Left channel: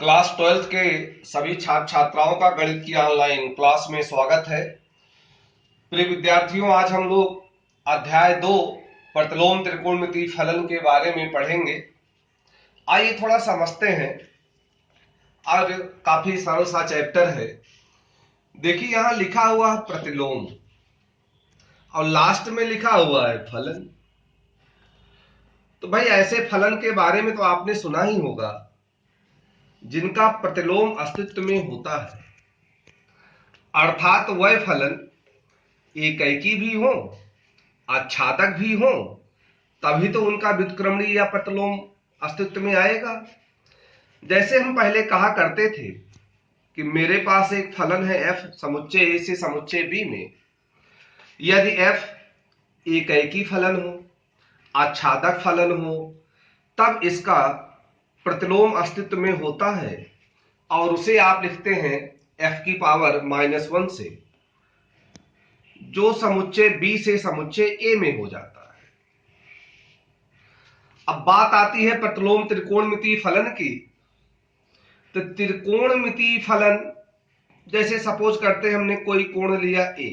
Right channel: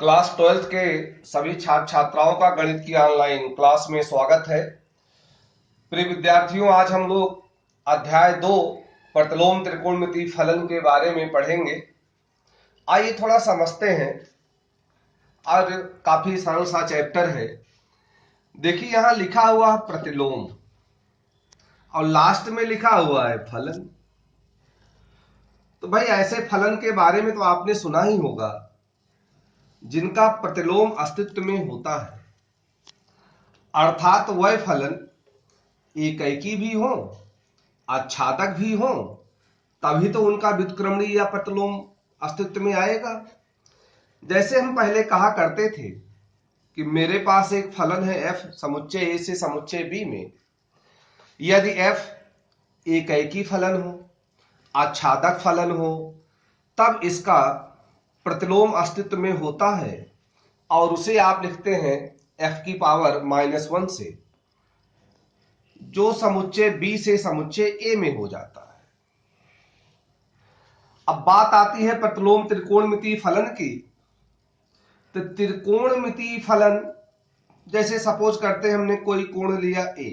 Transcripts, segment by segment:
Class 12th के सभी छात्र छात्राओं का गणित की ऑनलाइन क्लास में स्वागत है। प्रिय विद्यार्थियों, आज हम लोग अध्याय 2 प्रतिलोम त्रिकोणमितीय फलन के बारे में पढ़ेंगे। आइए थोड़ा समझते हैं। और काफी सरल सा चैप्टर है। देखिए, यहां लिखा हुआ है प्रतिलोम और लास्ट में लिखा हुआ है फलन। तो भाई, ऐसे फलन के बारे में तो आपने सुना ही होगा जिनका प्रतिलोम अस्तित्व में होता है, अर्थात वह फलन एकैकी भी हो, आच्छादक भी हो, तभी तो उनका व्युत्क्रमणीय या प्रतिलोम अस्तित्व में आएगा। जैसे हम पहले कहा करते थे कि मेरे पास एक फलन है f समुच्चय a से समुच्चय b में। यदि f एकैकी फलन हो, आच्छादक फलन हो, तब इसका प्रतिलोम अस्तित्व में होता है और उसे आप लिखते हैं f की पावर -1 से, जो समुच्चय b से समुच्चय a में हो जाता है। अब बात आती है प्रतिलोम त्रिकोणमितीय फलन की। तो त्रिकोणमितीय फलन, जैसे सपोज करते हैं हमने कोई कोण लिया a,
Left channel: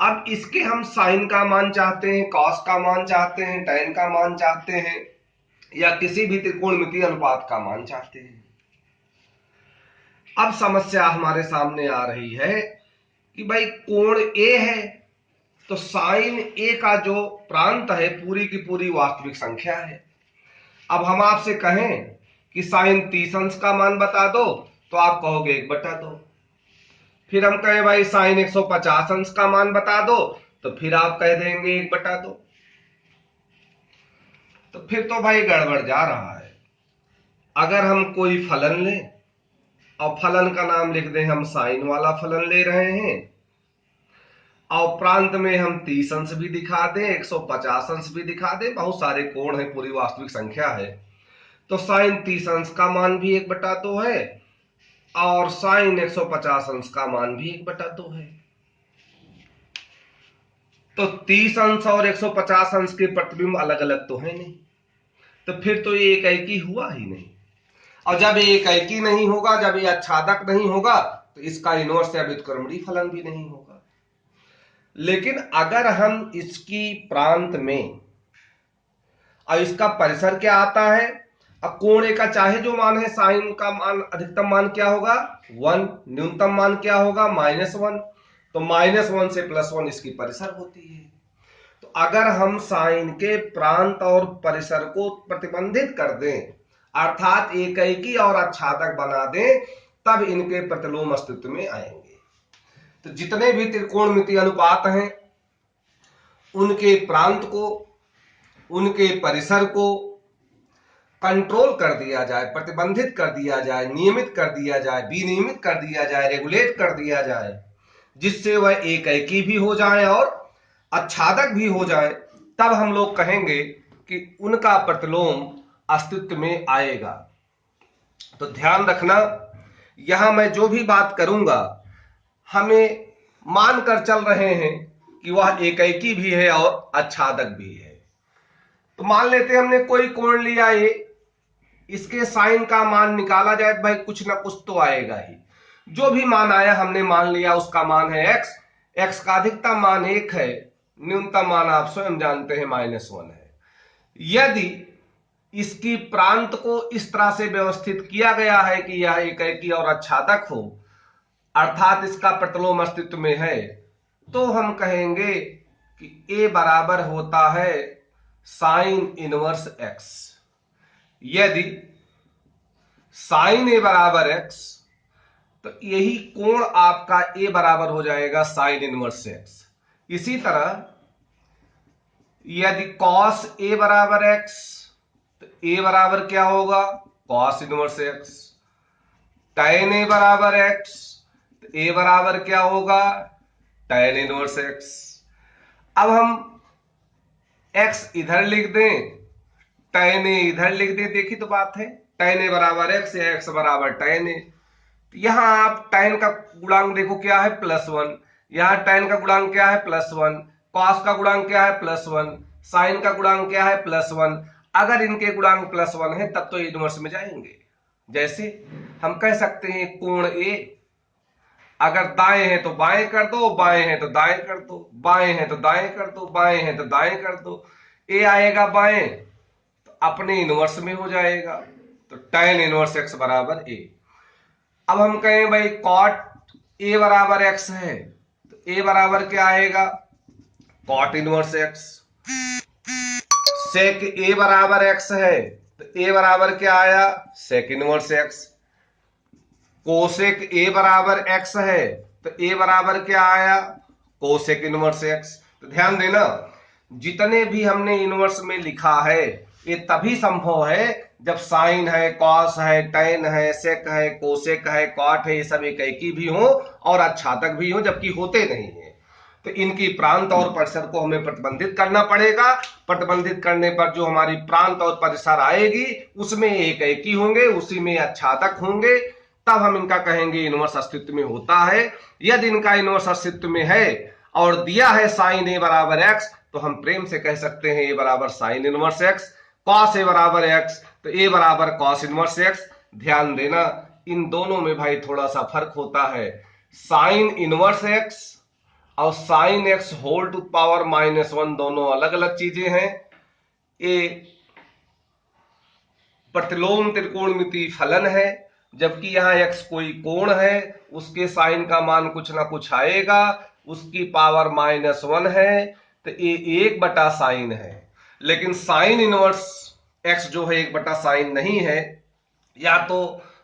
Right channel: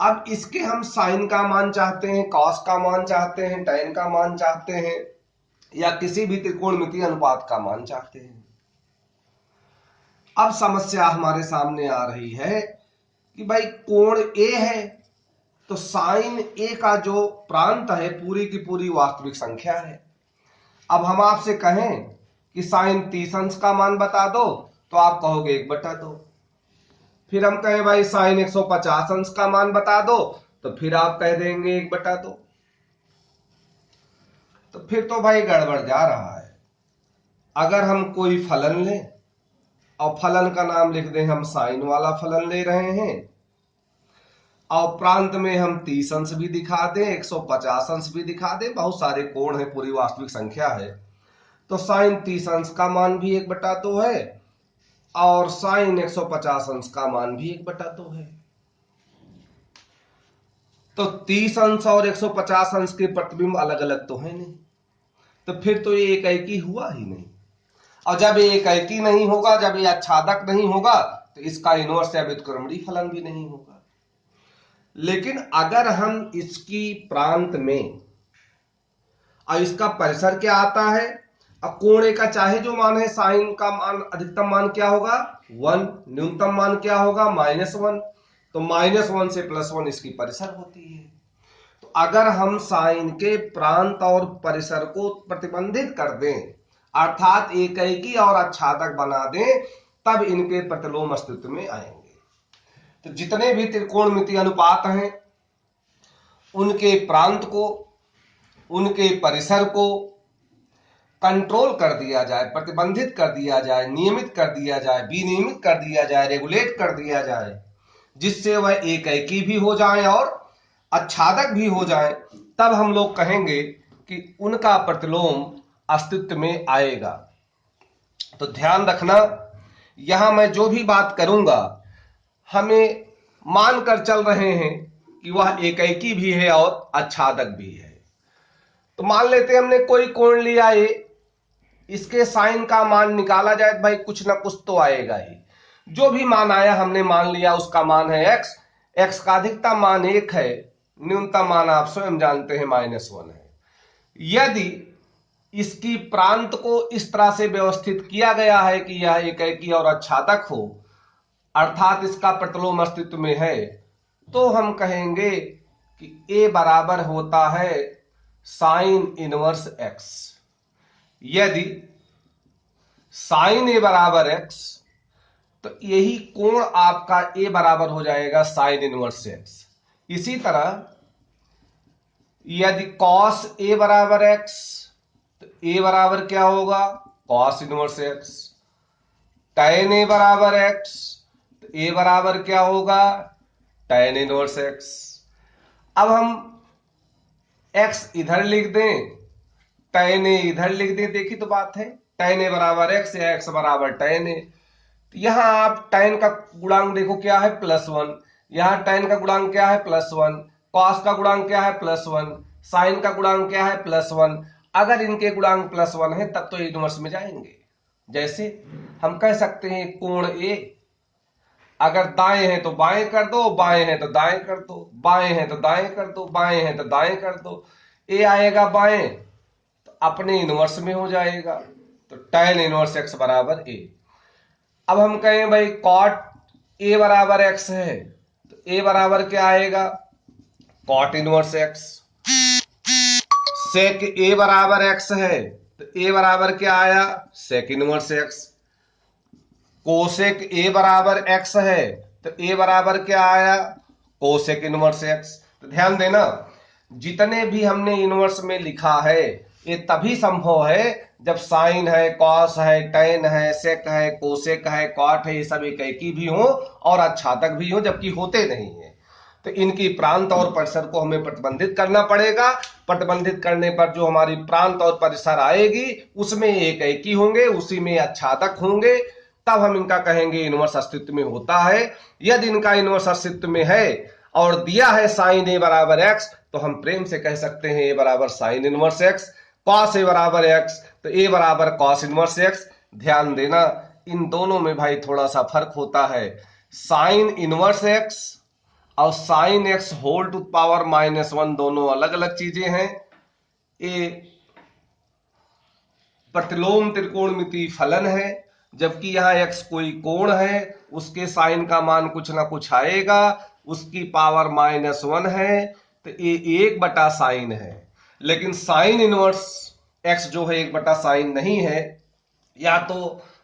अब इसके हम साइन का मान चाहते हैं, कॉस का मान चाहते हैं, टैन का मान चाहते हैं, या किसी भी त्रिकोणमितीय अनुपात का मान चाहते हैं। अब समस्या हमारे सामने आ रही है कि भाई कोण a है तो साइन a का जो प्रांत है पूरी की पूरी वास्तविक संख्या है। अब हम आपसे कहें कि साइन 30 अंश का मान बता दो तो आप कहोगे 1/2। फिर हम कहें भाई साइन 150 अंश का मान बता दो तो फिर आप कह देंगे 1/2। तो फिर तो भाई गड़बड़ जा रहा है। अगर हम कोई फलन लें और फलन का नाम लिख दें, हम साइन वाला फलन ले रहे हैं, और प्रांत में हम 30 अंश भी दिखा दें, 150 अंश भी दिखा दें, बहुत सारे कोण है, पूरी वास्तविक संख्या है, तो साइन 30 अंश का मान भी 1/2 है और साइन 150 अंश का मान भी 1/2 है। तो 30 अंश और 150 अंश के प्रतिबिंब अलग अलग तो है नहीं, तो फिर तो ये एकैकी हुआ ही नहीं। और जब ये एकैकी नहीं होगा, जब ये आच्छादक नहीं होगा, तो इसका इनवर्स या व्युत्क्रमणीय फलन भी नहीं होगा। लेकिन अगर हम इसकी प्रांत में, और इसका परिसर क्या आता है, अब कोण का चाहे जो मान है, साइन का मान अधिकतम मान क्या होगा 1, न्यूनतम मान क्या होगा -1, तो -1 से +1 इसकी परिसर होती है। तो अगर हम साइन के प्रांत और परिसर को प्रतिबंधित कर दें, अर्थात एकैकी और आच्छादक बना दें, तब इनके प्रतिलोम अस्तित्व में आएंगे। तो जितने भी त्रिकोणमितीय अनुपात हैं, उनके प्रांत को, उनके परिसर को कंट्रोल कर दिया जाए, प्रतिबंधित कर दिया जाए, नियमित कर दिया जाए, विनियमित कर दिया जाए, रेगुलेट कर दिया जाए, जिससे वह एकैकी भी हो जाए और आच्छादक भी हो जाए, तब हम लोग कहेंगे कि उनका प्रतिलोम अस्तित्व में आएगा। तो ध्यान रखना, यहां मैं जो भी बात करूंगा, हमें मानकर चल रहे हैं कि वह एकैकी भी है और आच्छादक भी है। तो मान लेते हैं हमने कोई कोण लिया ए, इसके साइन का मान निकाला जाए तो भाई कुछ ना कुछ तो आएगा ही। जो भी मान आया हमने मान लिया उसका मान है x। x का अधिकतम मान 1 है, न्यूनतम मान आप स्वयं जानते हैं -1 है। यदि इसकी प्रांत को इस तरह से व्यवस्थित किया गया है कि यह एकैकी और आच्छादक हो, अर्थात इसका प्रतिलोम अस्तित्व में है, तो हम कहेंगे कि a बराबर होता है साइन इनवर्स x। यदि साइन a बराबर x, तो यही कोण आपका a बराबर हो जाएगा साइन इनवर्स x। इसी तरह यदि कॉस a बराबर x, तो a बराबर क्या होगा cos inverse x। Tan a बराबर x, तो a बराबर क्या होगा टैन इनवर्स x। अब हम x इधर लिख दें, टैन a इधर लिख दें, देखी तो बात है, टैन a बराबर x या x बराबर टैन a। यहां आप टैन का गुणांक देखो क्या है +1, यहां टैन का गुणांक क्या है +1, कॉस का गुणांक क्या है +1, साइन का गुणांक क्या है +1। अगर इनके गुणांक +1 है तब तो इनवर्स में जाएंगे। जैसे हम कह सकते हैं कोण ए, अगर दाएं है तो बाएं कर दो, बाएं है तो दाएं कर दो, बाएं है तो दाएं कर दो, बाएं है तो दाएं कर दो, ए आएगा बाएं तो अपने इनवर्स में हो जाएगा, तो tan इनवर्स x बराबर ए। अब हम कहें भाई cot a बराबर x है तो a बराबर क्या आएगा, cot inverse x। sec a बराबर x है तो a बराबर क्या आया, sec inverse x। Cosec a बराबर x है तो a बराबर क्या आया, कोसेक इनवर्स x। तो ध्यान देना, जितने भी हमने इनवर्स में लिखा है ये तभी संभव है जब साइन है, कॉस है, टेन है, सेक है, कोसेक है, कॉट है, ये सब एक ही भी हो और अच्छादक भी हो, जबकि होते नहीं है। तो इनकी प्रांत और परिसर को हमें प्रतिबंधित करना पड़ेगा। प्रतिबंधित करने पर जो हमारी प्रांत और परिसर आएगी उसमें एक ही होंगे, उसी में अच्छादक होंगे, तब हम इनका कहेंगे इनवर्स अस्तित्व में होता है। यदि इनका इनवर्स अस्तित्व में है और दिया है साइन ए बराबर एक्स तो हम प्रेम से कह सकते हैं ए बराबर sign inverse x, cos A बराबर एक्स तो ए बराबर कॉस इनवर्स एक्स। ध्यान देना इन दोनों में भाई थोड़ा सा फर्क होता है। साइन इनवर्स एक्स और sine x whole to power -1 दोनों अलग अलग चीजें हैं। ये प्रतिलोम त्रिकोणमिति फलन है, जबकि यहां x कोई कोण है, उसके साइन का मान कुछ ना कुछ आएगा, उसकी पावर -1 है तो ये 1 साइन है। लेकिन साइन इनवर्स x जो है 1 साइन नहीं है, या तो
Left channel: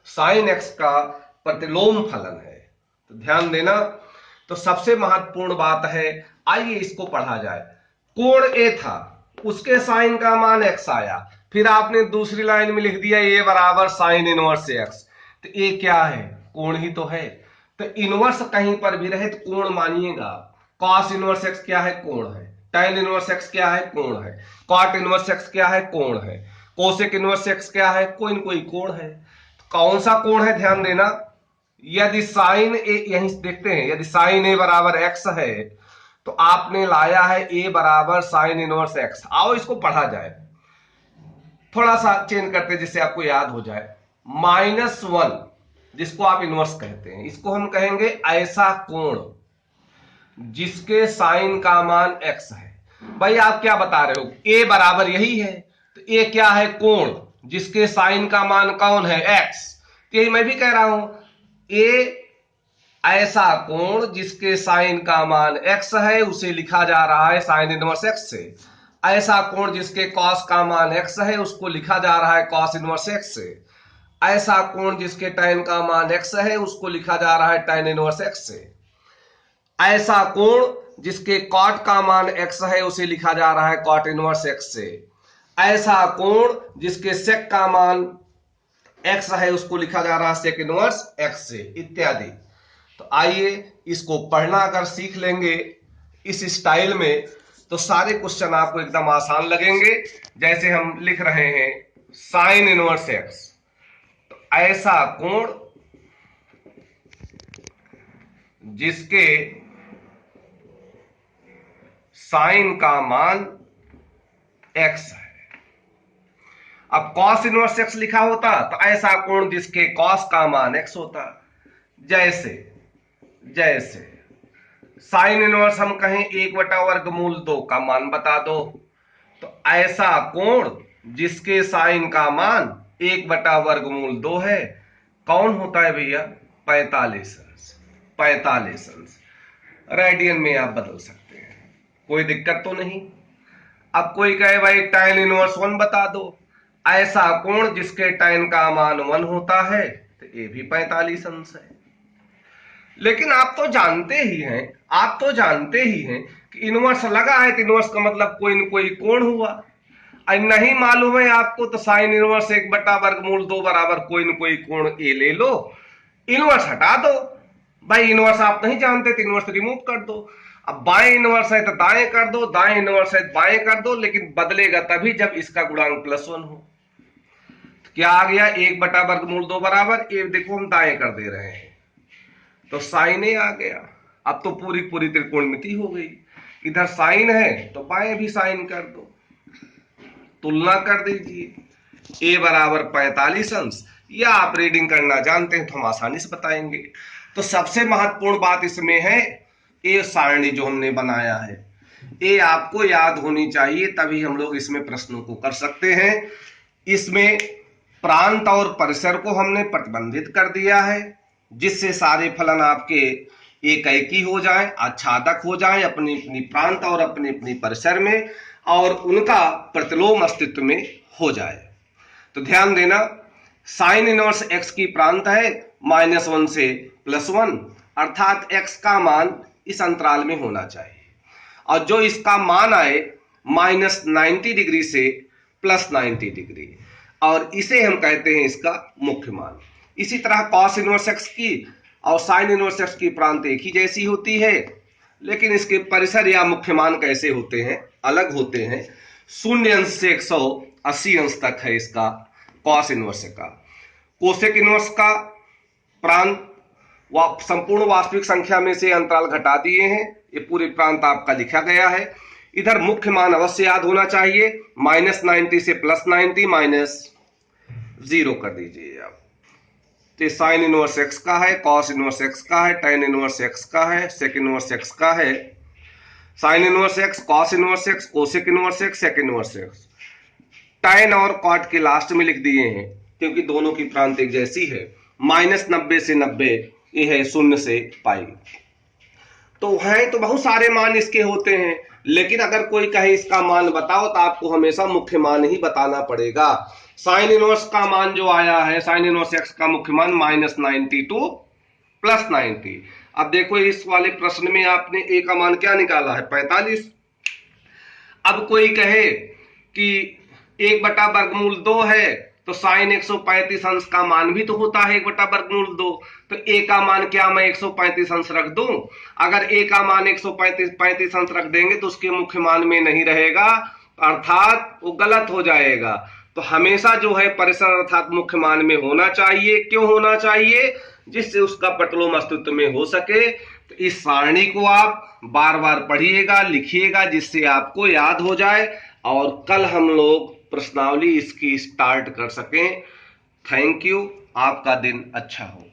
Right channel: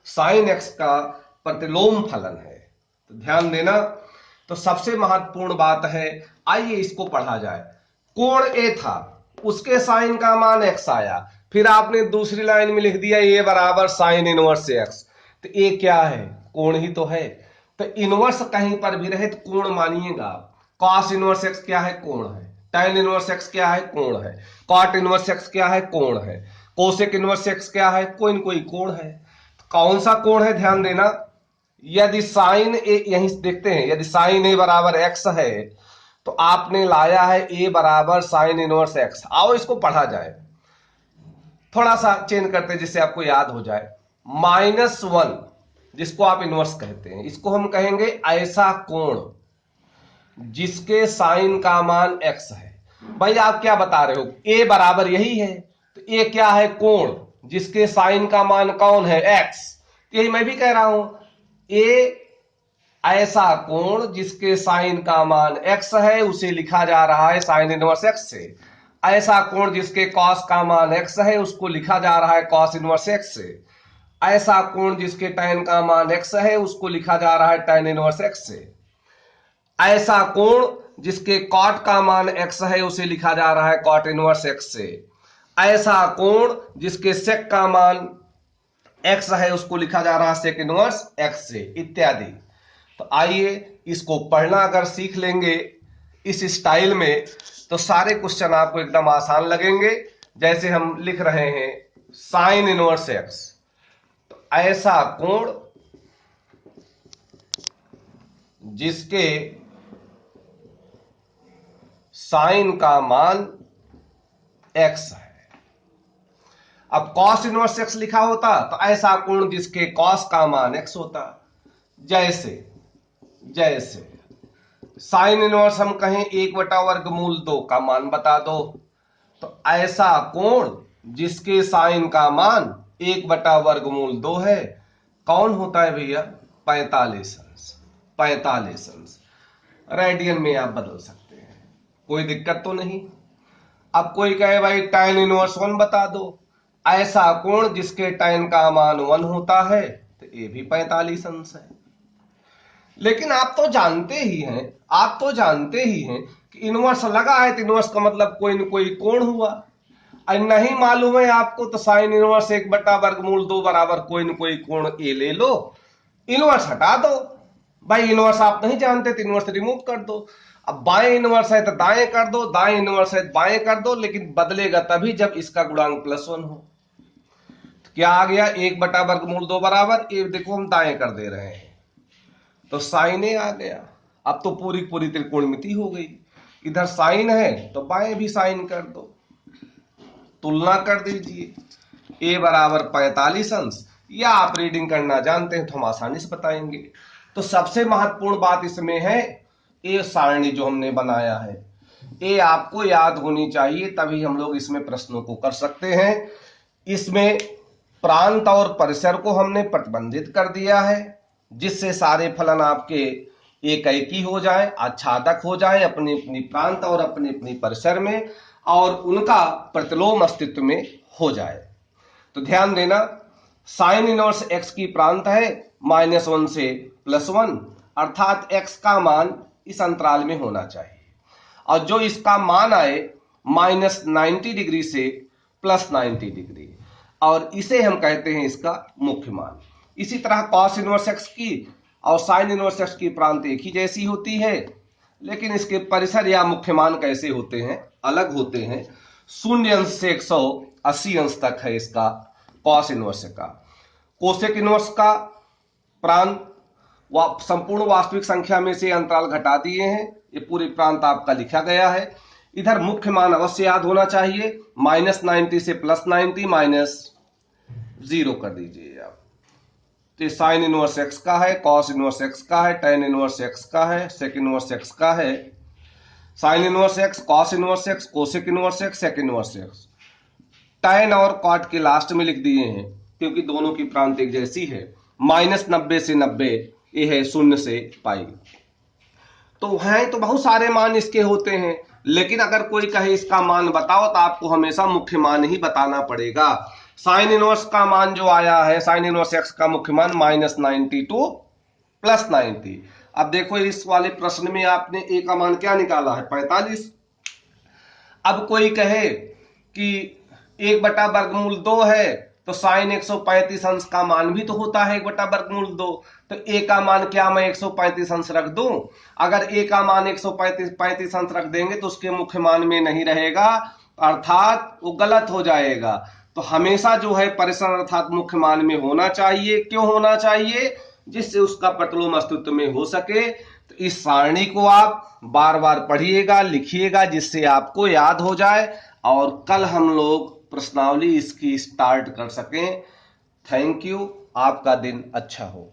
साइन x का प्रतिलोम फलन है। तो ध्यान देना, तो सबसे महत्वपूर्ण बात है, आइए इसको पढ़ा जाए। कोण ए था, उसके साइन का मान x आया, फिर आपने दूसरी लाइन में लिख दिया ए बराबर साइन इनवर्स एक्स, तो ए क्या है, कोण ही तो है। तो इनवर्स कहीं पर भी रहे तो कोण मानिएगा। कॉस इनवर्स एक्स क्या है, कोण है। tan इनवर्स एक्स क्या है, कोण है। कॉट इनवर्स एक्स क्या है, कोण है। कोसेक इनवर्स एक्स क्या है, कोई न कोई कोण है। तो कौन सा कोण है, ध्यान देना, यदि साइन ए, यहीं देखते हैं, यदि साइन ए बराबर एक्स है तो आपने लाया है ए बराबर साइन इनवर्स एक्स। आओ इसको पढ़ा जाए, थोड़ा सा चेंज करते हैं जिससे आपको याद हो जाए। -1 जिसको आप इनवर्स कहते हैं, इसको हम कहेंगे ऐसा कोण जिसके साइन का मान x है। भाई आप क्या बता रहे हो, a बराबर यही है, तो a क्या है, कोण जिसके साइन का मान कौन है, x। यही मैं भी कह रहा हूं, a ऐसा कोण जिसके साइन का मान x है, उसे लिखा जा रहा है साइन इनवर्स x से। ऐसा कोण जिसके कॉस का मान x है, उसको लिखा जा रहा है कॉस इनवर्स x से। ऐसा कोण जिसके tan का मान x है, उसको लिखा जा रहा है tan इनवर्स x से। ऐसा कोण जिसके कॉट का मान x है, उसे लिखा जा रहा है कॉट इनवर्स x से। ऐसा कोण जिसके सेक का मान x है, उसको लिखा जा रहा है सेक इनवर्स x से, इत्यादि। तो आइए इसको पढ़ना अगर सीख लेंगे इस स्टाइल में तो सारे क्वेश्चन आपको एकदम आसान लगेंगे। जैसे हम लिख रहे हैं साइन इनवर्स x, तो ऐसा कोण जिसके साइन का मान x है। अब cos इनवर्स x लिखा होता तो ऐसा कोण जिसके cos का मान x होता। जैसे जैसे साइन इनवर्स हम कहें 1/√2 का मान बता दो, तो ऐसा कोण जिसके साइन का मान 1/√2 है, कौन होता है भैया, 45 अंश। 45 अंश रेडियन में आप बदल सकते हैं, कोई दिक्कत तो नहीं। अब कोई कहे भाई tan इनवर्स 1 बता दो, ऐसा कोण जिसके tan का मान 1 होता है, तो ये भी 45 अंश है। लेकिन आप तो जानते ही हैं, आप तो जानते ही हैं कि इनवर्स लगा है तो इनवर्स का मतलब कोई न कोई कोण हुआ। और नहीं मालूम है आपको तो साइन इनवर्स 1/√2 बराबर कोई न कोई कोण ए ले लो, इनवर्स हटा दो। भाई इनवर्स आप नहीं जानते तो इनवर्स रिमूव कर दो। अब बाएं इनवर्स है तो दाएं कर दो, दाएं इनवर्स है तो बाएं कर दो, लेकिन बदलेगा तभी जब इसका गुणांक +1 हो। तो क्या आ गया, 1/√2 बराबर, ये देखो हम दाएं कर दे रहे हैं तो साइन ए आ गया। अब तो पूरी पूरी त्रिकोणमिति हो गई, इधर साइन है तो बाएं भी साइन कर दो। तुलना कर दीजिए। ए बराबर 45 अंश, या आप रीडिंग करना जानते हैं तो हम आसानी से बताएंगे। तो सबसे महत्वपूर्ण बात इसमें है ए सारणी जो हमने बनाया है, ये आपको याद होनी चाहिए, तभी हम लोग इसमें प्रश्नों को कर सकते हैं। इसमें प्रांत और परिसर को हमने प्रतिबंधित कर दिया है, जिससे सारे फलन आपके एक ही हो जाए, आच्छादक हो जाए अपनी अपनी प्रांत और अपनी अपनी परिसर में, और उनका प्रतिलोम अस्तित्व में हो जाए। तो ध्यान देना, साइन इनवर्स एक्स की प्रांत है -1 से +1, अर्थात एक्स का मान इस अंतराल में होना चाहिए, और जो इसका मान आए -90 डिग्री से +90 डिग्री, और इसे हम कहते हैं इसका मुख्य मान। इसी तरह कॉस इनवर्स एक्स की और साइन इनवर्स एक्स की प्रांत एक ही जैसी होती है, लेकिन इसके परिसर या मुख्य मान कैसे होते हैं, अलग होते हैं। 0 अंश से 180 अंश तक है इसका कॉस इनवर्स का। कोसेक इनवर्स का प्रांत संपूर्ण वास्तविक संख्या में से अंतराल घटा दिए हैं, ये पूरी प्रांत आपका लिखा गया है। इधर मुख्य मान अवश्य याद होना चाहिए, -90 से +90 -0 कर दीजिए आप। तो साइन इनवर्स एक्स का है, कॉस इनवर्स एक्स का है, टेन इनवर्स एक्स का है, सेक इनवर्स एक्स का है। Sine inverse x, cos inverse x, cosec inverse x, sec inverse x. Tan और कॉट के लास्ट में लिख दिए हैं, क्योंकि दोनों की प्रांत एक जैसी है। -90 से 90, ये है 0 से पाई। तो हैं तो बहुत सारे मान इसके होते हैं, लेकिन अगर कोई कहे इसका मान बताओ, तो आपको हमेशा मुख्य मान ही बताना पड़ेगा। साइन इनवर्स का मान जो आया है, साइन इनवर्स एक्स का मुख्य मान -90 टू +90। अब देखो इस वाले प्रश्न में आपने ए का मान क्या निकाला है, 45। अब कोई कहे कि 1/√2 है, तो साइन 135 अंश का मान भी तो होता है 1/√2, तो ए का मान क्या मैं 135 अंश रख दूं? अगर ए का मान 135 अंश रख देंगे तो उसके मुख्य मान में नहीं रहेगा, अर्थात वो गलत हो जाएगा। तो हमेशा जो है परिसर अर्थात मुख्य मान में होना चाहिए। क्यों होना चाहिए? जिससे उसका प्रतिलोम अस्तित्व में हो सके। तो इस सारणी को आप बार बार पढ़िएगा, लिखिएगा, जिससे आपको याद हो जाए, और कल हम लोग प्रश्नावली इसकी स्टार्ट कर सकें। थैंक यू, आपका दिन अच्छा हो।